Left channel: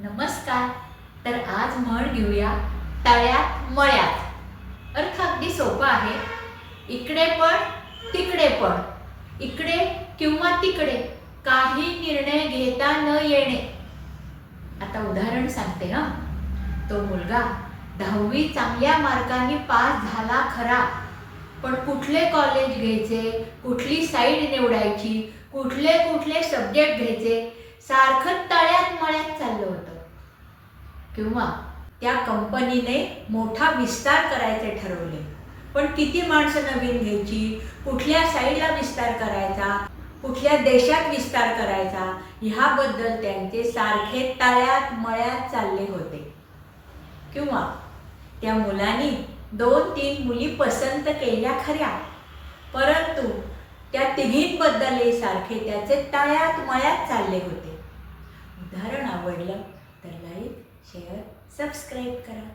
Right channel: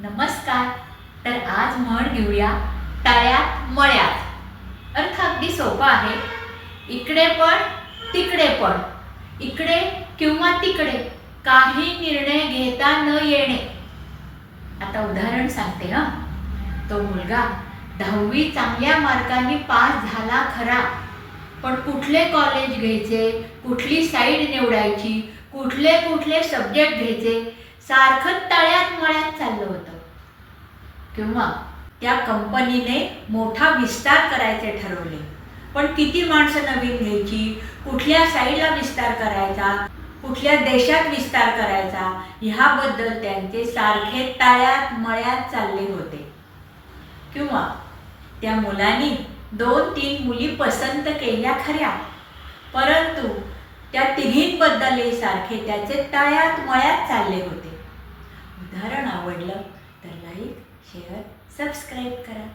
नमस्कार. तर आज म्हण घेऊया तळ्यात मळ्यात. अर्थ अगदी सोपा आहे. इकडे पण तिकडे पण. इकडे किंवा तिकडे काही निर्णय घेता न येणे. आता उदाहरण सांगते हा. तो मुलगा दहावी चांगल्या मार्कांनी पास झाला खरा. पण कुठले कॉलेज घ्यायचे कुठली साईड निवडायची कुठले कुठले सब्जेक्ट घ्यायचे सारखं तळ्यात मळ्यात चाललं होतं. किंवा त्या कंपनीने मोठा विस्तार करायचे ठरवले. पण किती माणसं नवीन घ्यायची? कुठल्या साईडला विस्तार करायचा? कुठल्या देशात विस्तार करायचा? ह्याबद्दल त्यांचे सारखे ताळ्यात मळ्यात चालले होते. किंवा त्या मुलांनी दोन तीन मुली पसंत केल्या खऱ्या. परंतु त्या तिघींबद्दलही सारखे त्याचे तळ्यात मळ्यात चालले होते. उदाहरण आवडलं तर लाईक शेअर सबस्क्राईब करा.